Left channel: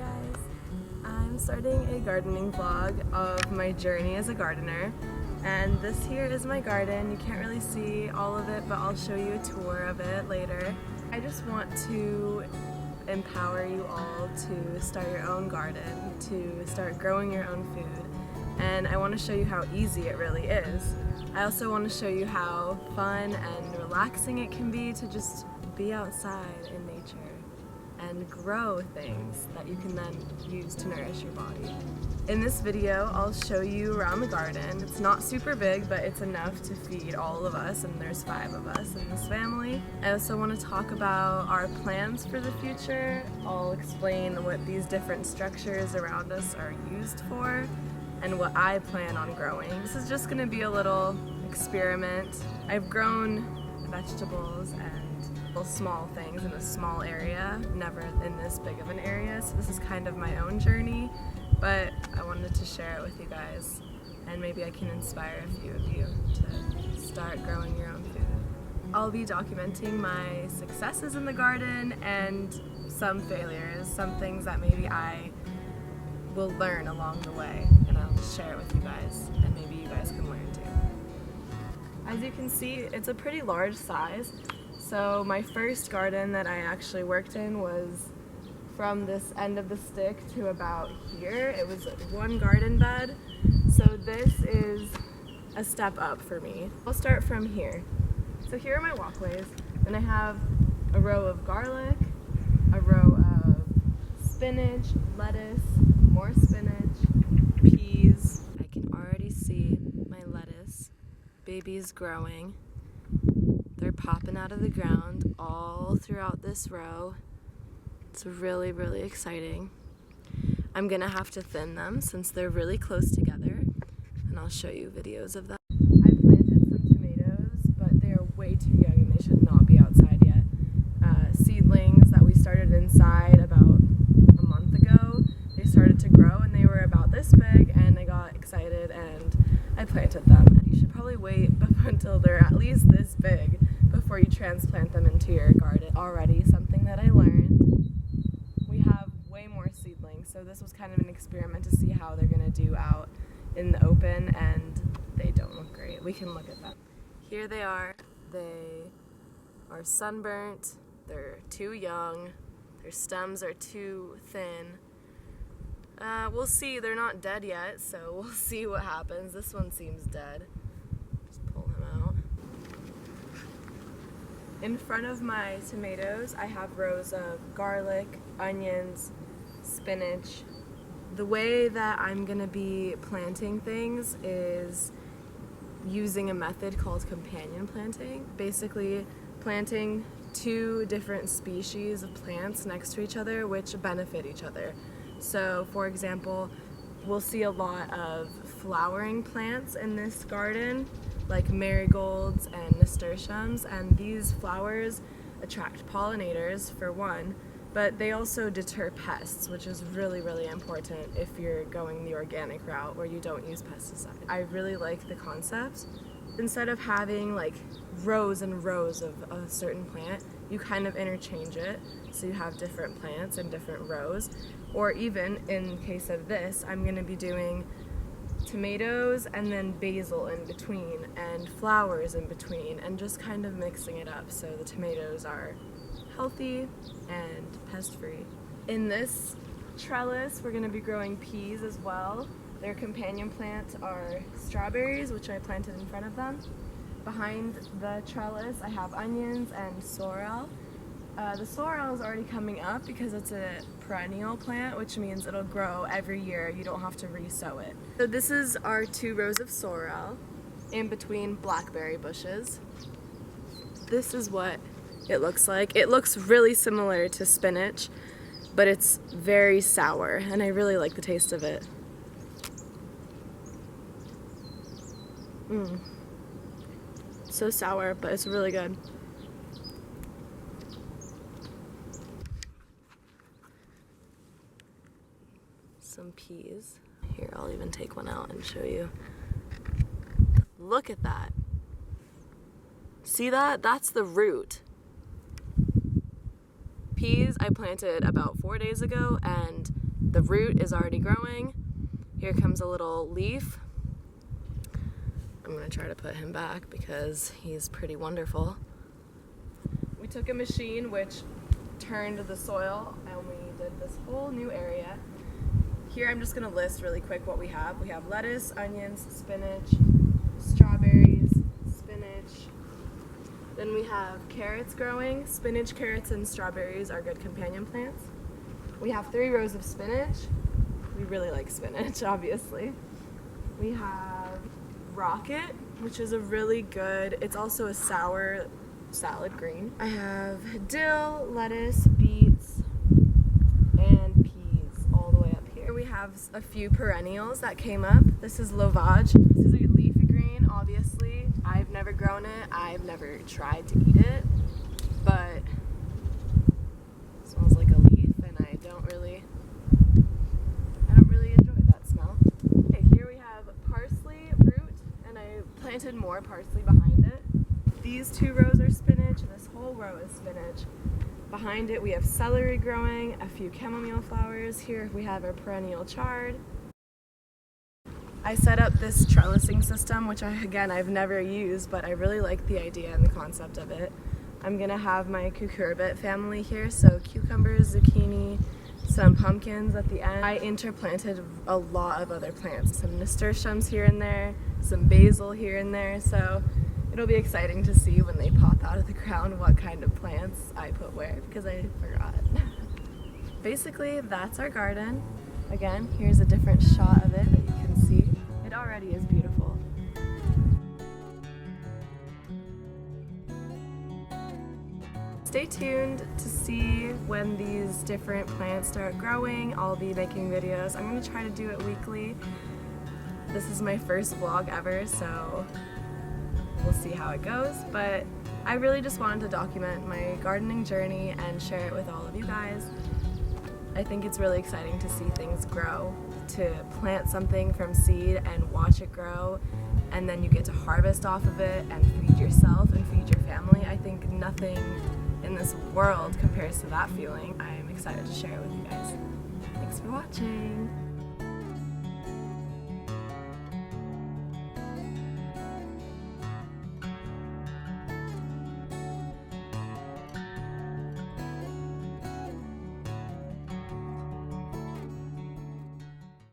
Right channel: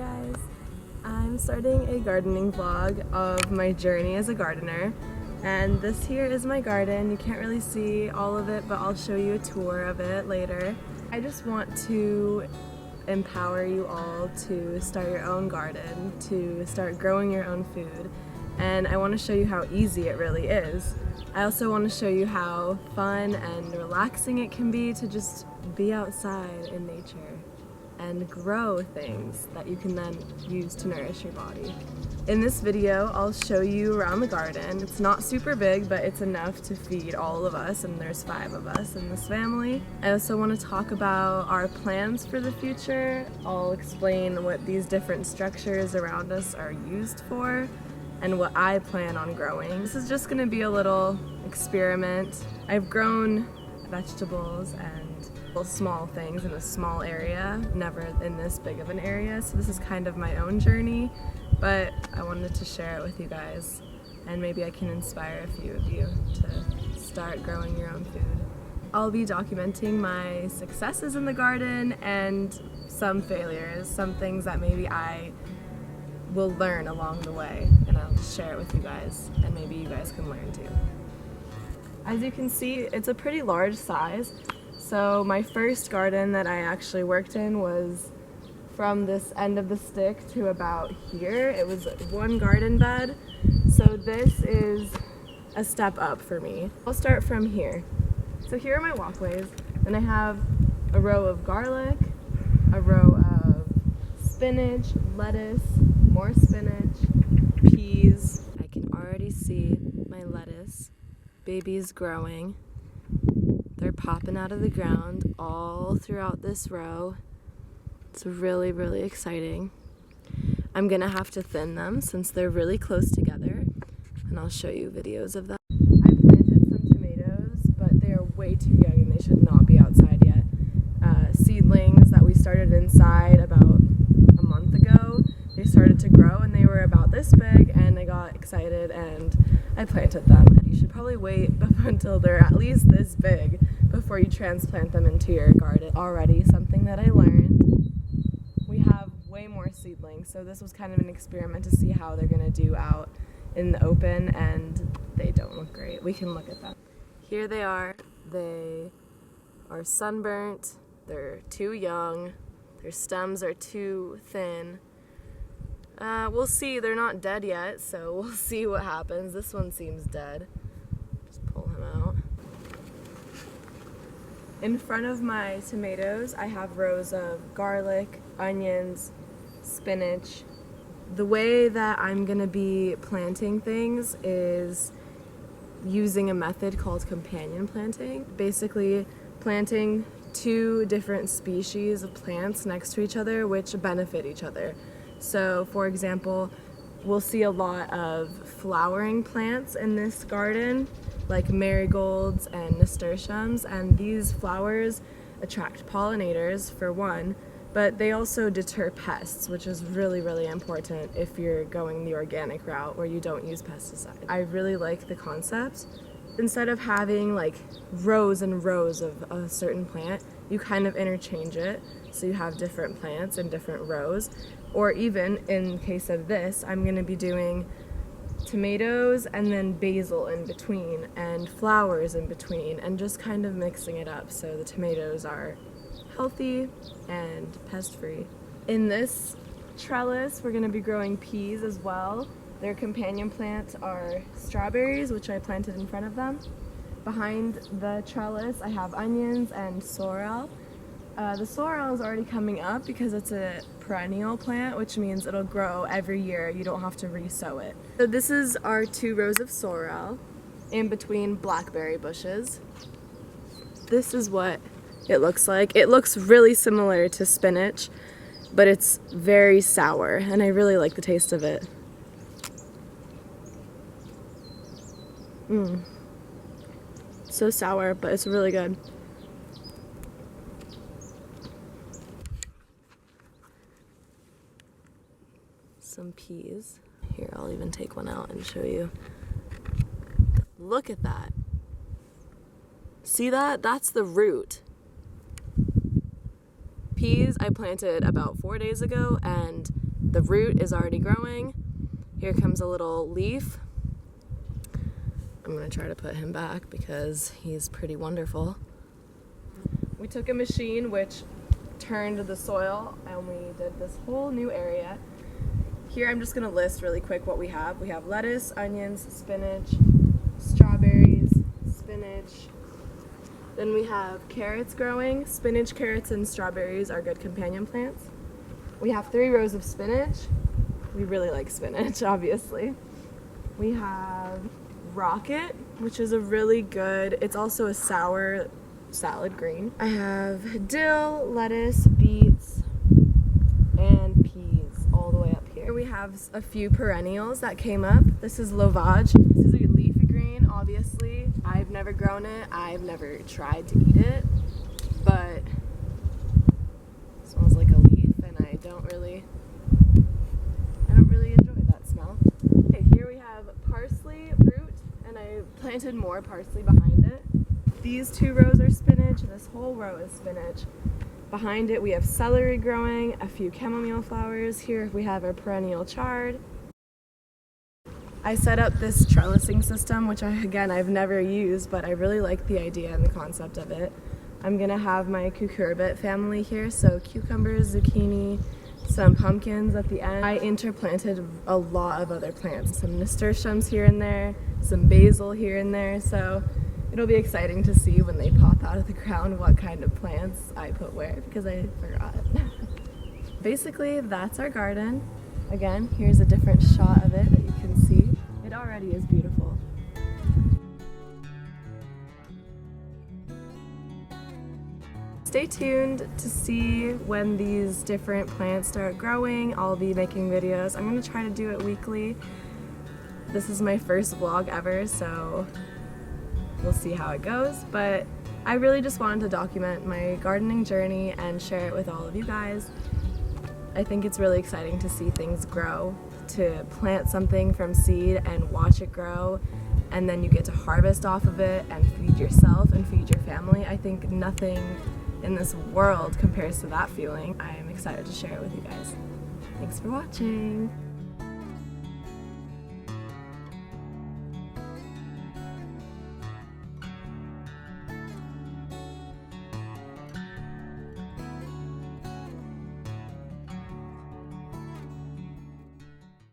guys! I'm starting a gardening vlog of my journey as a gardener, and this here is my garden. You can't really see all of it, but I'll show you a tour of it later. I just want to empower you all to start your own garden, to start growing your own food, and I want to show you how easy it really is. I also want to show you how fun and relaxing it can be to just be outside in nature and grow things that you can then use to nourish your body. In this video, I'll show you around the garden. It's not super big, but it's enough to feed all of us, and there's 5 of us in this family. I also want to talk about our plans for the future. I'll explain what these different structures around us are used for and what I plan on growing. This is just gonna be a little experiment. I've grown vegetables and small things in a small area, never in this big of an area, so this is kind of my own journey, but I wanted to share it with you guys, and maybe I can inspire a few of you to start growing your own food. I'll be documenting my successes in the garden and some failures, some things that maybe I will learn along the way, and I'll just share it with you guys, and maybe you guys can learn too. As you can see, it's a pretty large size. So my first garden that I actually worked in was from this end of the stick to about here. It was one garden bed. So this is a step up for me. I'll start from here. So here are my walkways. Then I have a row of garlic, a row of spinach, lettuce, more spinach, peas. I can already see my lettuce babies growing. They're popping out of the ground all throughout this row. It's really, really exciting. I'm gonna have to thin them since they're really close together, and I'll show you videos of that. I planted some tomatoes, but they are way too young and they should not be outside yet. Seedlings that we started inside about a month ago, they started to grow and they were about this big, and I got excited and I planted them. You should probably wait until they're at least this big before you transplant them into your garden. Already something that I learned, we have way more seedlings, so this was kind of an experiment to see how they're gonna do out in the open, and they don't look great. We can look at them. Here they are. They are sunburnt, they're too young, their stems are too thin. We'll see, they're not dead yet, so we'll see what happens. This one seems dead. Just pull him out. In front of my tomatoes, I have rows of garlic, onions, spinach. The way that I'm gonna be planting things is using a method called companion planting. Basically, planting 2 different species of plants next to each other which benefit each other. So, for example, we'll see a lot of flowering plants in this garden, like marigolds and nasturtiums, and these flowers attract pollinators, for one, but they also deter pests, which is really, really important if you're going the organic route where you don't use pesticides. I really like the concept. Instead of having like rows and rows of a certain plant, you kind of interchange it, so you have different plants in different rows. Or even, in case of this, I'm going to be doing tomatoes and then basil in between and flowers in between, and just kind of mixing it up so the tomatoes are healthy and pest-free. In this trellis, we're going to be growing peas as well. Their companion plants are strawberries, which I planted in front of them. Behind the trellis, I have onions and sorrel. The sorrel is already coming up because it's a perennial plant, which means it'll grow every year. You don't have to re-sow it. So this is our 2 rows of sorrel in between blackberry bushes. This is what it looks like. It looks really similar to spinach, but it's very sour, and I really like the taste of it. So sour, but it's really good. Some peas. Here, I'll even take one out and show you. Look at that. See that? That's the root. Peas I planted about 4 days ago, and the root is already growing. Here comes a little leaf. I'm gonna try to put him back because he's pretty wonderful. We took a machine which turned the soil and we did this whole new area. Here I'm just gonna list really quick what we have. We have lettuce, onions, spinach, strawberries, spinach. Then we have carrots growing. Spinach, carrots, and strawberries are good companion plants. We have 3 rows of spinach. We really like spinach, obviously. We have rocket, which is a really good, it's also a sour salad green. I have dill, lettuce, beets, and peas all the way up here. We have a few perennials that came up. This is Lovage. This is a leafy green, obviously. I've never grown it. I've never tried to eat it, but it smells like a leaf and I don't really enjoy that smell. Okay, here we have parsley root and I planted more parsley behind it. These 2 rows are spinach. This whole row is spinach. Behind it we have celery growing, a few chamomile flowers. Here we have our perennial chard. I set up this trellising system, which I've never used, but I really like the idea and the concept of it. I'm gonna have my cucurbit family here, so cucumbers, zucchini, some pumpkins at the end. I interplanted a lot of other plants, some nasturtiums here and there, some basil here and there, so it'll be exciting to see when they pop out of the ground what kind of plants I put where, because I forgot. Basically, that's our garden. Again, here's a different shot of it that you can see. It already is beautiful. Stay tuned to see when these different plants start growing. I'll be making videos. I'm gonna try to do it weekly. This is my first vlog ever, so we'll see how it goes, but I really just wanted to document my gardening journey and share it with all of you guys. I think it's really exciting to see things grow, to plant something from seed and watch it grow, and then you get to harvest off of it and feed yourself and feed your family. I think nothing in this world compares to that feeling. I'm excited to share it with you guys. Thanks for watching.